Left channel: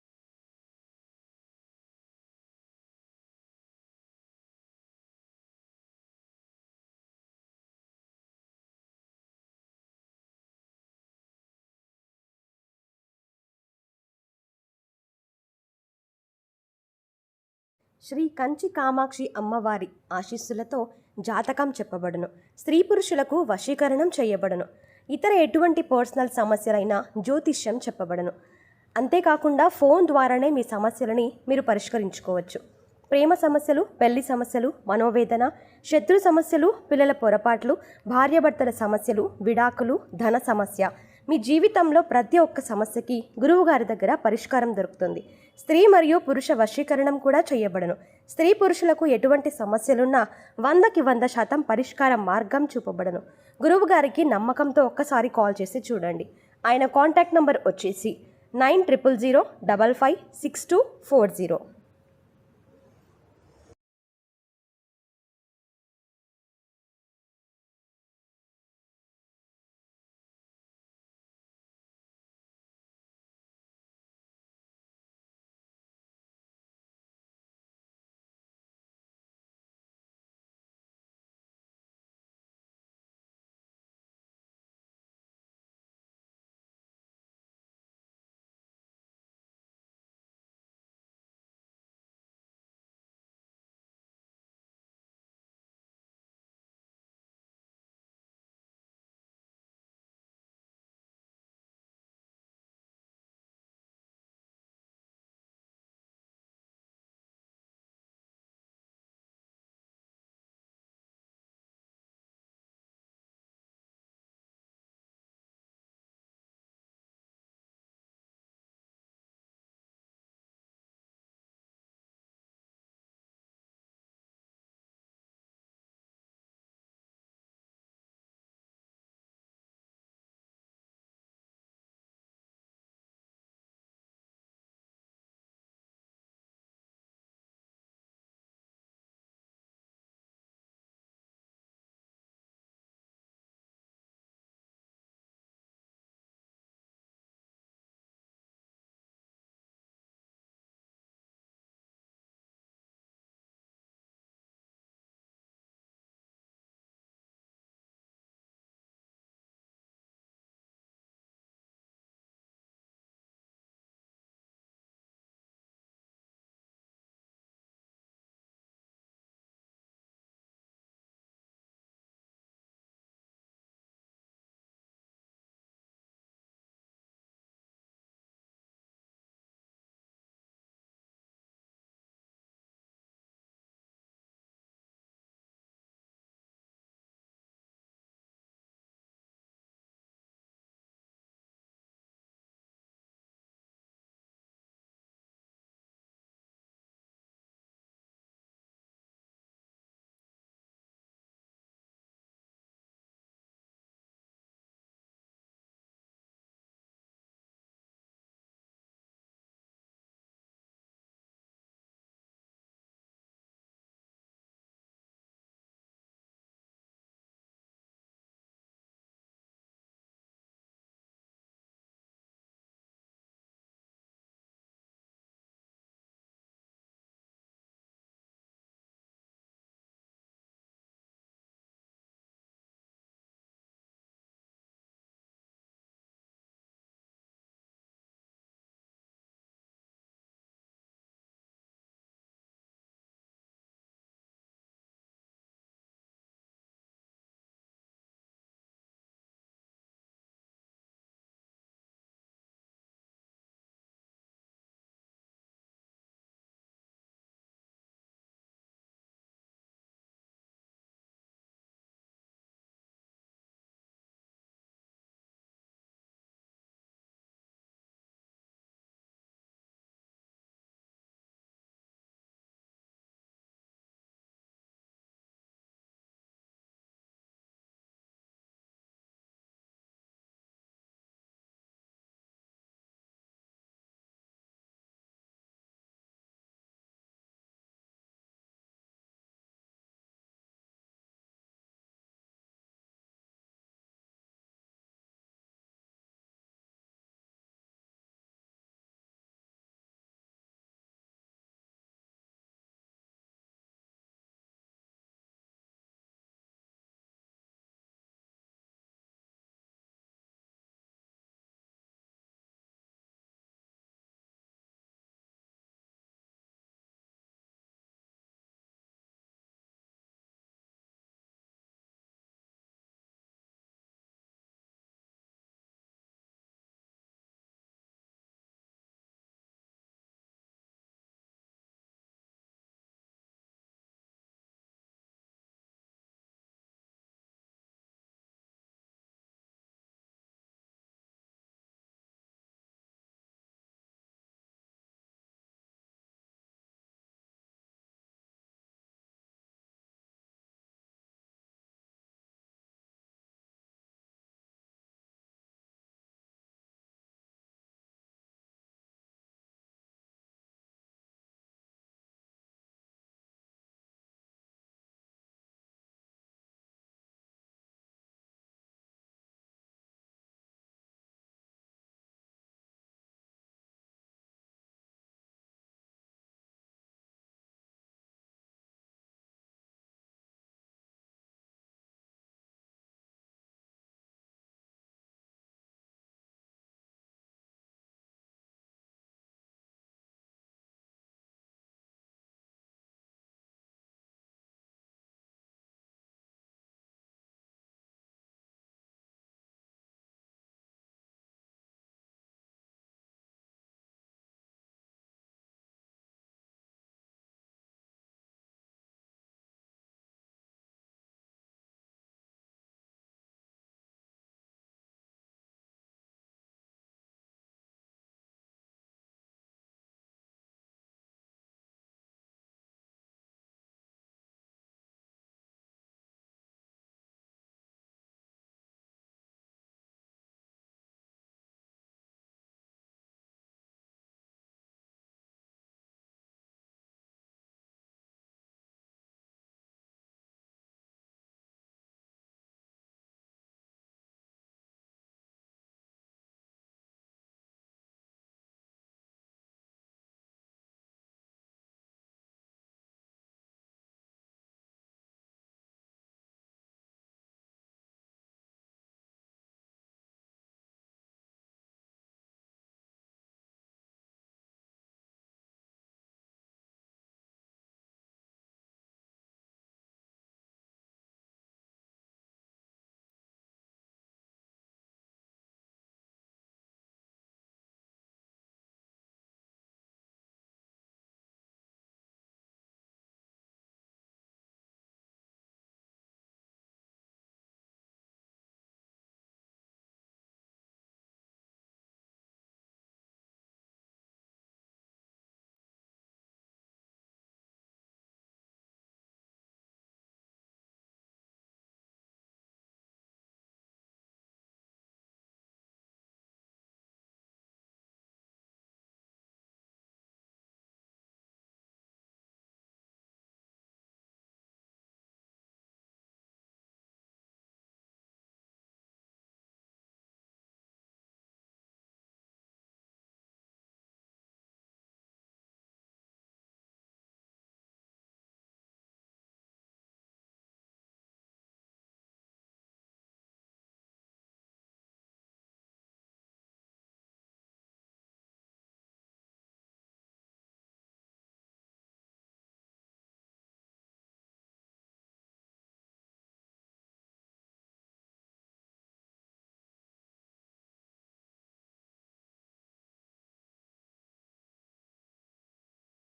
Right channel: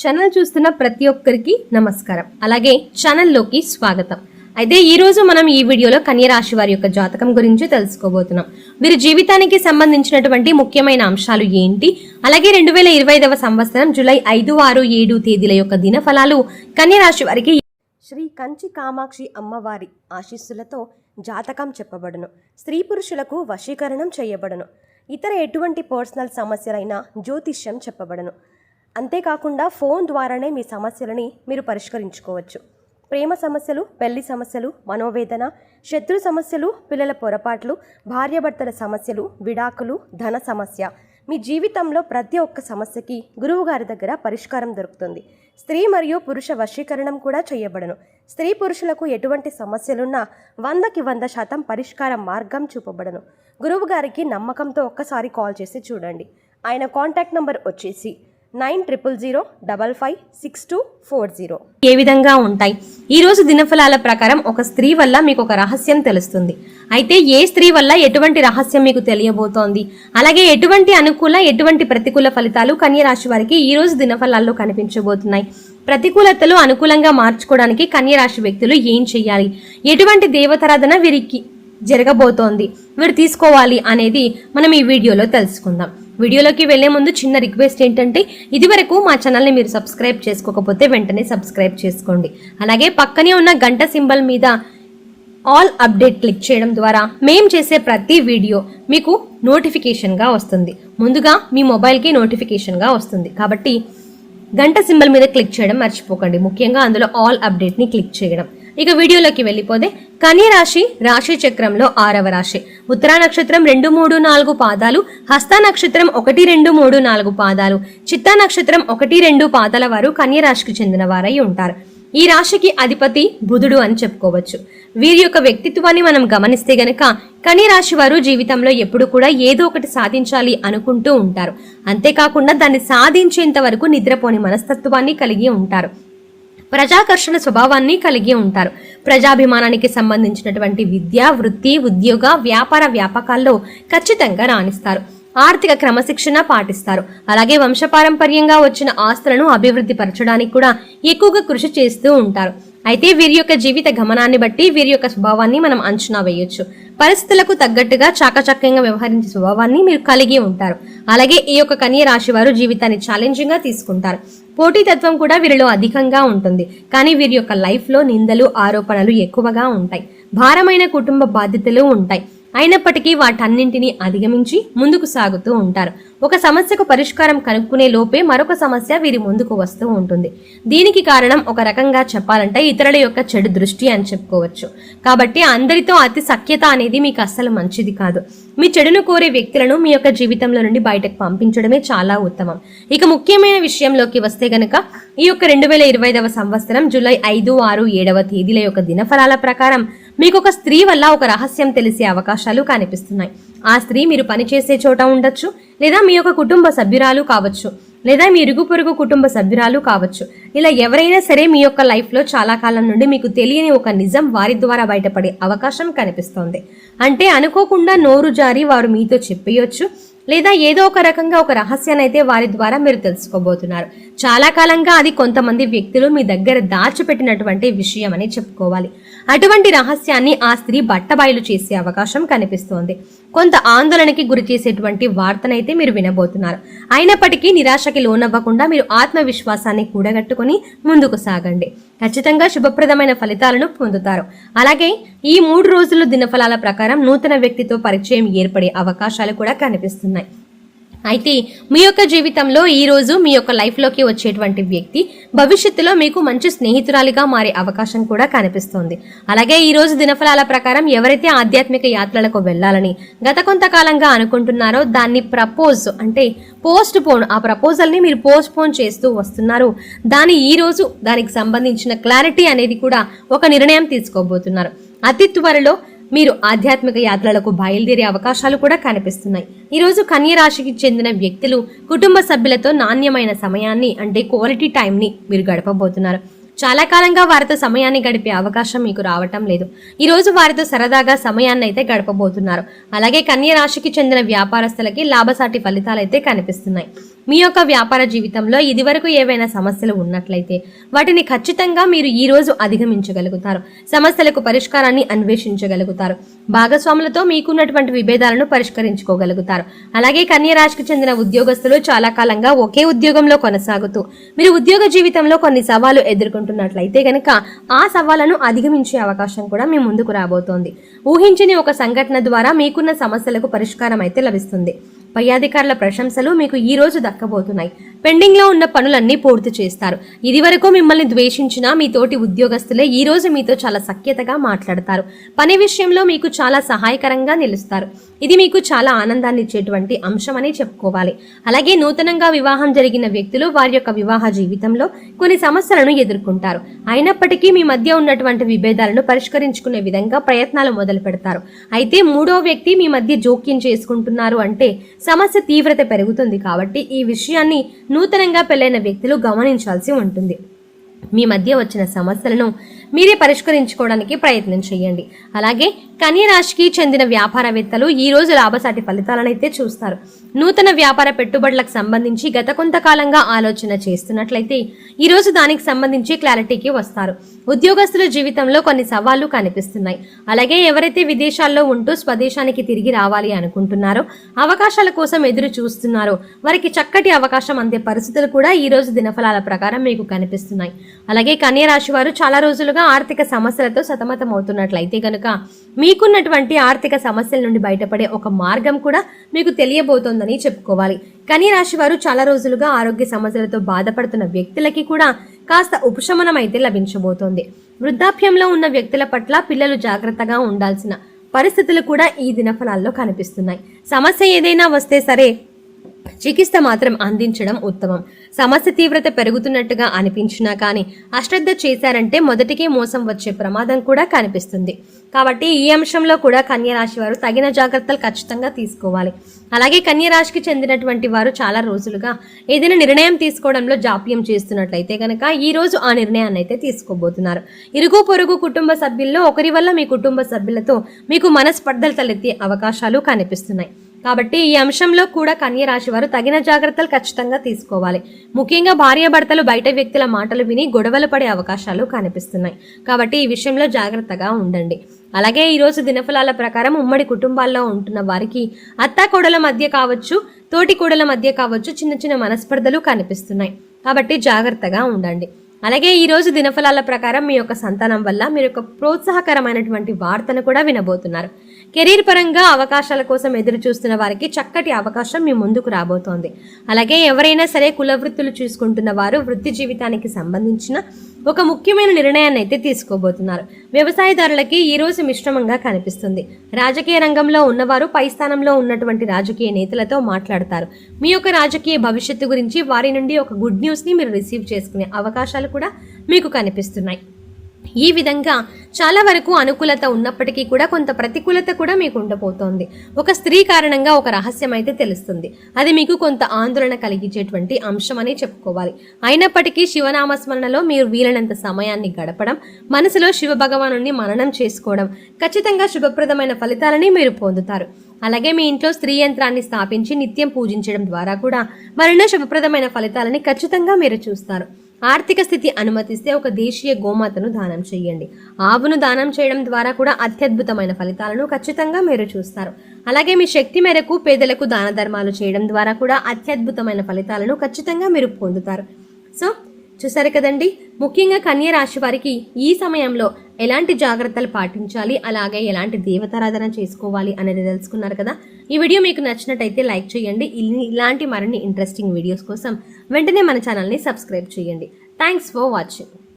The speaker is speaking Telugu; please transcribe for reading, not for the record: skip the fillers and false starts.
ఛానల్ చూస్తున్న ప్రతి ఒక్కరికి నమస్కారం. అలాగే ఛానల్లోకి స్వాగతం. అయితే ఈ రోజు మనం ఈ వీడియోలో కన్య రాశి వారి యొక్క జాతకం గురించి తెలుసుకోబోతున్నాం. వీరి జీవితానికి సంబంధించినటువంటి ముఖ్యమైన అంశాలు ఏంటి, అలాగే 2025వ సంవత్సరం జూలై 5, 6, 7 తేదీల యొక్క దినఫలాలు కన్య రాశి వారికి శ్రీ కంచి కామాక్షి అమ్మవారి ఆశీస్సులతో జాతకం చెప్పబడును. స్త్రీ పురుషులకు వశీకరణం చేయబడును. ఇతర ఎటువంటి పర్సనల్ సమస్యలైనా జ్యోతిష్యం చెప్పబడును. అంతేకాకుండా ఫోన్ ద్వారానే మీ సమస్యలని మీరు పరిష్కరించుకోవచ్చు. ప్రేమ సమస్యలు, పెళ్లి సమస్యలు, మనోవేదన, శత్రు సమస్యలు, పిల్లల పొరపాట్లు, భార్యాభర్తల సమస్యలు, విడాకులు, ధన సమస్య, మీ జీవితంలో ప్రతి ఒక్క సమస్యకి గురువు గారి దగ్గర పరిష్కారం దొరుకుతుంది. స్త్రీ మరియు పురుష వశీకరణం కూడా చేయబడను. స్త్రీ పురుషులకు ఎటువంటి సమస్యలున్నా 100కి 100% పరిష్కార మార్గం చూపబడను. గురువు గారికి నమ్మకంతో ఒక్కసారి కాల్ చేసి చూడండి. ఆయన కాంటాక్ట్ నంబర్ వచ్చేసి 9000556240. ఏ విధంగా ఉంటాయి ఈ రోజు దినఫలాల ప్రకారం? ఒక స్త్రీ వల్ల మీకు ఒక రహస్యం తెలుస్తుంది. అయితే ఏ స్త్రీ వల్ల ఎటువంటి రహస్యం మీకు తెలియబోతోంది, అలాగే ఎటువంటి అనుకూల ఎటువంటి ప్రతికూల ఫలితాలు కన్య రాశి వారికి ఈ రోజు దినఫలాల్లో కనిపించబోతున్నాయి. ప్రతికూలతలు అనుకూలంగా మార్చుకోవడానికి కన్య రాశి వ్యక్తులు ఏం చేయాలి, ఎటువంటి దేవతారాధన వీరికి జరగబోతోంది, వీరు తీసుకోవాలి అనేది మనం ఈ వీడియోలో తెలుసుకుందాం. వీడియోలోకి వెళ్లే ముందు చిన్న రిక్వెస్ట్ ఏంటంటే, ఇదివరకు మా ఛానల్ని మీరు సబ్స్క్రైబ్ చేసుకోకపోతే వెంటనే సబ్స్క్రైబ్ చేసుకోండి. అలాగే పక్కనే ఉన్న గంట సింబల్ మీద ఆల్ అప్డేట్ క్లిక్ చేయడం ద్వారా మేము చేసే ప్రతి వీడియో మీకు నోటిఫికేషన్గా వస్తుంది. ముందుగా మీ మొబైల్కి నోటిఫికేషన్గా వస్తుంది. కాబట్టి గంట సింబల్ మీద క్లిక్ చేయడం మర్చిపోకండి. ముఖ్యంగా అందులో ఆల్ అప్డేట్ని క్లిక్ చేయడం. ఇక వీడియోలోకి వెళ్ళిపోతే, కన్య రాశి రాశి చక్రంలో 6వ రాశి. ఉత్తరా నక్షత్రం 2, 3, 4 పాదాలు, హస్త నక్షత్రం 1, 2, 3, 4 పాదాలు, చిత్తా నక్షత్రం 1, 2 పాదాల వారు కన్య రాశికి చెందిన వారై ఉంటారు. ఈ రాశికి అధిపతి బుధుడు అని చెప్పుకోవచ్చు. వీరి యొక్క వ్యక్తిత్వాన్ని మనం గమనిస్తే గనక కన్య రాశి వారు జీవితంలో ఎప్పుడు కూడా ఏదో ఒకటి సాధించాలి అనుకుంటూ ఉంటారు. అంతేకాకుండా దాన్ని సాధించేంత వరకు నిద్రపోని మనస్తత్వాన్ని కలిగి ఉంటారు. ప్రజాకర్షణ స్వభావాన్ని కలిగి ఉంటారు. ప్రజాభిమానానికి సంబంధించినటువంటి విద్య, వృత్తి, ఉద్యోగ, వ్యాపార వ్యాపకాల్లో ఖచ్చితంగా రాణిస్తారు. ఆర్థిక క్రమశిక్షణ పాటిస్తారు. అలాగే వంశపారంపర్యంగా వచ్చిన ఆస్తులను అభివృద్ధి పరచడానికి కూడా ఎక్కువగా కృషి చేస్తూ ఉంటారు. అయితే వీరి యొక్క జీవిత గమనాన్ని బట్టి వీరి యొక్క స్వభావాన్ని మనం అంచనా వేయొచ్చు. పరిస్థితులకు తగ్గట్టుగా చాకచక్యంగా వ్యవహరించే స్వభావాన్ని మీరు కలిగి ఉంటారు. అలాగే ఈ యొక్క కన్య రాశి వారు జీవితాన్ని ఛాలెంజింగ్ గా తీసుకుంటారు. పోటీతత్వం కూడా వీరిలో అధికంగా ఉంటుంది. కానీ వీరి యొక్క లైఫ్ లో నిందలు, ఆరోపణలు ఎక్కువగా ఉంటాయి. భారమైన కుటుంబ బాధ్యతలు ఉంటాయి. అయినప్పటికీ వాటన్నింటినీ అధిగమించి ముందుకు సాగుతూ ఉంటారు. ఒక సమస్యకు పరిష్కారం కనుక్కునే లోపే మరొక సమస్య వీరి ముందుకు వస్తూ ఉంటుంది. దీనికి కారణం ఒక రకంగా చెప్పాలంటే ఇతరుల యొక్క చెడు దృష్టి అని చెప్పుకోవచ్చు. కాబట్టి అందరితో అతి సఖ్యత అనేది మీకు అస్సలు మంచిది కాదు. మీ చెడును కోరే వ్యక్తులను మీ యొక్క జీవితంలో నుండి బయటకు పంపించడమే చాలా ఉత్తమం. ఇక ముఖ్యమైన విషయంలోకి వస్తే గనక, ఈ యొక్క 2025వ సంవత్సరం జూలై 5, 6, 7వ తేదీల యొక్క దినఫలాల ప్రకారం మీకు ఒక స్త్రీ వల్ల ఒక రహస్యం తెలిసే అవకాశాలు కనిపిస్తున్నాయి. ఆ స్త్రీ మీరు పనిచేసే చోట ఉండొచ్చు, లేదా మీ యొక్క కుటుంబ సభ్యురాలు కావచ్చు, లేదా మీ ఇరుగు పొరుగు కుటుంబ సభ్యురాలు కావచ్చు. ఇలా ఎవరైనా సరే మీ యొక్క లైఫ్లో చాలా కాలం నుండి మీకు తెలియని ఒక నిజం వారి ద్వారా బయటపడే అవకాశం కనిపిస్తోంది. అంటే అనుకోకుండా నోరు జారి వారు మీతో చెప్పేయొచ్చు, లేదా ఏదో ఒక రకంగా ఒక రహస్యాన్ని అయితే వారి ద్వారా మీరు తెలుసుకోబోతున్నారు. చాలా కాలంగా అది కొంతమంది వ్యక్తులు మీ దగ్గర దాచిపెట్టినటువంటి విషయం అని చెప్పుకోవాలి. అటువంటి రహస్యాన్ని ఆ స్త్రీ బట్టబయలు చేసే అవకాశం కనిపిస్తోంది. కొంత ఆందోళనకి గురి చేసేటువంటి వార్తనైతే మీరు వినబోతున్నారు. అయినప్పటికీ నిరాశకి లోనవ్వకుండా మీరు ఆత్మవిశ్వాసాన్ని కూడగట్టుకుని ముందుకు సాగండి. ఖచ్చితంగా శుభప్రదమైన ఫలితాలను పొందుతారు. అలాగే ఈ 3 రోజుల దినఫలాల ప్రకారం నూతన వ్యక్తితో పరిచయం ఏర్పడే అవకాశాలు కూడా కనిపిస్తున్నాయి. అయితే మీ యొక్క జీవితంలో ఈ రోజు మీ యొక్క లైఫ్లోకి వచ్చేటువంటి వ్యక్తి భవిష్యత్తులో మీకు మంచి స్నేహితురాలిగా మారే అవకాశం కూడా కనిపిస్తోంది. అలాగే ఈ రోజు దినఫలాల ప్రకారం ఎవరైతే ఆధ్యాత్మిక యాత్రలకు వెళ్లాలని గత కొంతకాలంగా అనుకుంటున్నారో దాన్ని ఆ ప్రపోజల్ని మీరు పోస్ట్ పోన్ చేస్తూ వస్తున్నారు. ఈ రోజు దానికి సంబంధించిన క్లారిటీ అనేది కూడా ఒక నిర్ణయం తీసుకోబోతున్నారు. అతి త్వరలో మీరు ఆధ్యాత్మిక యాత్రలకు బయలుదేరే అవకాశాలు కూడా కనిపిస్తున్నాయి. ఈరోజు కన్య రాశికి చెందిన వ్యక్తులు కుటుంబ సభ్యులతో నాణ్యమైన సమయాన్ని అంటే క్వాలిటీ టైంని మీరు గడపబోతున్నారు. చాలా కాలంగా వారితో సమయాన్ని గడిపే అవకాశం మీకు రావటం లేదు. ఈ రోజు వారితో సరదాగా సమయాన్ని అయితే గడపబోతున్నారు. అలాగే కన్య రాశికి చెందిన వ్యాపారస్తులకి లాభసాటి ఫలితాలు అయితే కనిపిస్తున్నాయి. మీ యొక్క వ్యాపార జీవితంలో ఇదివరకు ఏవైనా సమస్యలు ఉన్నట్లయితే వాటిని ఖచ్చితంగా మీరు ఈ రోజు అధిగమించగలుగుతారు. సమస్యలకు పరిష్కారాన్ని అన్వేషించగలుగుతారు. భాగస్వాములతో మీకున్నటువంటి విభేదాలను పరిష్కరించుకోగలుగుతారు. అలాగే కన్య రాశికి చెందిన ఉద్యోగస్తులు చాలా కాలంగా ఒకే ఉద్యోగంలో కొనసాగుతూ మీరు ఉద్యోగ జీవితంలో కొన్ని సవాలు ఎదుర్కొంటున్నట్లయితే గనక ఆ సవాళ్లను అధిగమించే అవకాశం కూడా మీ ముందుకు రాబోతోంది. ఊహించని ఒక సంఘటన ద్వారా మీకున్న సమస్యలకు పరిష్కారం అయితే లభిస్తుంది. పై అధికారుల ప్రశంసలు మీకు ఈ రోజు దక్కబోతున్నాయి. పెండింగ్ లో ఉన్న పనులన్నీ పూర్తి చేస్తారు. ఇది వరకు మిమ్మల్ని ద్వేషించిన మీ తోటి ఉద్యోగస్తులే ఈ రోజు మీతో చాలా సఖ్యతగా మాట్లాడతారు. పని విషయంలో మీకు చాలా సహాయకరంగా నిలుస్తారు. ఇది మీకు చాలా ఆనందాన్ని ఇచ్చేటువంటి అంశం అని చెప్పుకోవాలి. అలాగే నూతనంగా వివాహం జరిగిన వ్యక్తులు వారి యొక్క వివాహ జీవితంలో కొన్ని సమస్యలను ఎదుర్కొంటారు. అయినప్పటికీ మీ మధ్య ఉన్నటువంటి విభేదాలను పరిష్కరించుకునే విధంగా ప్రయత్నాలు మొదలు పెడతారు. అయితే మూడో వ్యక్తి మీ మధ్య జోక్యం చేసుకుంటున్నారు అంటే సమస్య తీవ్రత పెరుగుతుంది. కాబట్టి ఈ విషయాన్ని నూతనంగా పెళ్లైన వ్యక్తులు గమనించాల్సి ఉంటుంది. మీ మధ్య వచ్చిన సమస్యలను మీరే పరిష్కరించుకోవడానికి ప్రయత్నం చేయండి. అలాగే కన్య రాశికి చెందిన వ్యాపారవేత్తలు ఈ రోజు లాభసాటి ఫలితాలను అయితే చూస్తారు. నూతన వ్యాపార పెట్టుబడులకు సంబంధించి గత కొంతకాలంగా ఆలోచన చేస్తున్నట్లయితే ఈ రోజు దానికి సంబంధించి క్లారిటీకి వస్తారు. ఉద్యోగస్తుల జీవితంలో కొన్ని సవాళ్లు కనిపిస్తున్నాయి. అలాగే ఎవరైతే విదేశాల్లో ఉంటూ స్వదేశానికి తిరిగి రావాలి అనుకుంటున్నారో, అవకాశాల కోసం ఎదురు చూస్తున్నారో వారికి చక్కటి అవకాశం అందే పరిస్థితులు కూడా ఈ రోజు దినఫలాల ప్రకారం మీకు కనిపిస్తున్నాయి. అలాగే కన్య రాశి వారు చాలా రోజులుగా ఆర్థిక సమస్యలతో సతమతం అవుతున్నట్లయితే కనుక మీకున్నటువంటి ఆర్థిక సమస్యల నుండి బయటపడే ఒక మార్గం కూడా మీకు తెలియబోతోందని చెప్పుకోవాలి. కన్య రాశి వారు చాలా రోజులుగా ఆరోగ్య సమస్యలతో బాధపడుతున్న వ్యక్తులకి కూడా కాస్త ఉపశమనం అయితే లభించబోతోంది. వృద్ధాప్యంలో ఉన్న వ్యక్తుల పట్ల పిల్లలు జాగ్రత్తగా ఉండాల్సిన పరిస్థితులు కూడా ఈ దినఫలాల్లో కనిపిస్తున్నాయి. సమస్య ఏదైనా వస్తే సరే చికిత్స మాత్రం అందించడం ఉత్తమం. సమస్య తీవ్రత పెరుగుతున్నట్టుగా అనిపించినా కానీ అశ్రద్ధ చేశారంటే మొదటికే మోసం వచ్చే ప్రమాదం కూడా కనిపిస్తుంది. కాబట్టి ఈ అంశంలో కూడా కన్య రాశి వారు తగిన జాగ్రత్తలు ఖచ్చితంగా తీసుకోవాలి. అలాగే కన్య రాశికి చెందినటువంటి వారు చాలా రోజులుగా ఏదైనా నిర్ణయం తీసుకోవడంలో జాప్యం చేస్తున్నట్లయితే కనుక ఈ రోజు ఆ నిర్ణయాన్ని అయితే తీసుకోబోతున్నారు. ఇరుగు పొరుగు కుటుంబ సభ్యుల్లో ఒకరి వల్ల మీ కుటుంబ సభ్యులతో మీకు మనస్పర్ధలు తలెత్తే అవకాశాలు కనిపిస్తున్నాయి. కాబట్టి ఈ అంశంలో కూడా కన్య రాశి వారు తగిన జాగ్రత్తలు ఖచ్చితంగా తీసుకోవాలి. ముఖ్యంగా భార్యాభర్తలు బయట వ్యక్తుల మాటలు విని గొడవలు పడే అవకాశాలు కనిపిస్తున్నాయి. కాబట్టి ఈ విషయంలో జాగ్రత్తగా ఉండండి. అలాగే ఈ రోజు దినఫలాల ప్రకారం ఉమ్మడి కుటుంబాల్లో ఉంటున్న వారికి అత్తాకోడల మధ్య కావచ్చు, తోటి కోడల మధ్య కావచ్చు చిన్న చిన్న మనస్పర్ధలు కనిపిస్తున్నాయి. కాబట్టి జాగ్రత్తగా ఉండండి. అలాగే ఈ రోజు దినఫలాల ప్రకారం మీ యొక్క సంతానం వల్ల మీరు ఒక ప్రోత్సాహకరమైనటువంటి వార్తను కూడా వినబోతున్నారు. కెరీర్ పరంగా అవకాశాల కోసం ఎదురు చూస్తున్న వారికి చక్కటి అవకాశం మీ ముందుకు రాబోతోంది. అలాగే ఎవరైనా సరే కుల వృత్తులు చూసుకుంటున్న వారు వృత్తి జీవితానికి సంబంధించిన ఒక ముఖ్యమైన నిర్ణయాన్ని అయితే తీసుకోబోతున్నారు. వ్యవసాయదారులకి ఈ రోజు మిశ్రమంగా కనిపిస్తుంది. రాజకీయ రంగంలో ఉన్నవారు పై స్థానంలో ఉన్నటువంటి రాజకీయ నేతలతో మాట్లాడతారు. మీ యొక్క రాజకీయ భవిష్యత్తు గురించి వారి నుండి ఒక గుడ్ న్యూస్ ని మీరు రిసీవ్ చేసుకునే అవకాశాలు కూడా మీకు కనిపిస్తున్నాయి. ఈ విధంగా చాలా వరకు అనుకూలత ఉన్నప్పటికీ కూడా కొంత ప్రతికూలత కూడా మీకు ఉండబోతోంది. ఒక స్త్రీ కారణంగా ఒక రహస్యం అయితే తెలుస్తుంది. అది మీకు కొంత ఆందోళన కలిగించేటువంటి అంశం అని చెప్పుకోవాలి. అయినప్పటికీ శివనామస్మరణలో మీరు వీలైనంత సమయాన్ని గడపడం, మనసులో శివ భగవానుని మననం చేసుకోవడం ఖచ్చితంగా శుభప్రదమైన ఫలితాలని మీరు పొందుతారు. అలాగే మీ ఇంట్లో స్త్రీ యంత్రాన్ని స్థాపించి నిత్యం పూజించడం ద్వారా కూడా మరెన్నో శుభప్రదమైన ఫలితాలని ఖచ్చితంగా మీరు చూస్తారు. ఆర్థిక స్థితి అనుమతిస్తే ఒక దేశీయ గోమాతను దానం చేయండి. ఆవును దానం చేయడం ద్వారా కూడా అత్యద్భుతమైన ఫలితాలను ఖచ్చితంగా మీరు చూస్తారు. అలాగే మీ శక్తి మేరకు పేదలకు దాన ధర్మాలు చేయడం ద్వారా కూడా అత్యద్భుతమైన ఫలితాలను ఖచ్చితంగా మీరు పొందుతారు. సో చూసారు కదండి, ముఖ్యంగా కన్య రాశి వారికి ఈ సమయంలో ఎలాంటి జాగ్రత్తలు పాటించాలి, అలాగే ఎలాంటి దేవతారాధన చేసుకోవాలి అనేది తెలుసుకున్నారు కదా. ఈ వీడియో మీకు నచ్చినట్టయితే లైక్ చేయండి. ఇలాంటి మరిన్ని ఇంట్రెస్టింగ్ వీడియోస్ కోసం వెంటనే మన ఛానల్ని సబ్స్క్రైబ్ చేయండి. Thanks for watching.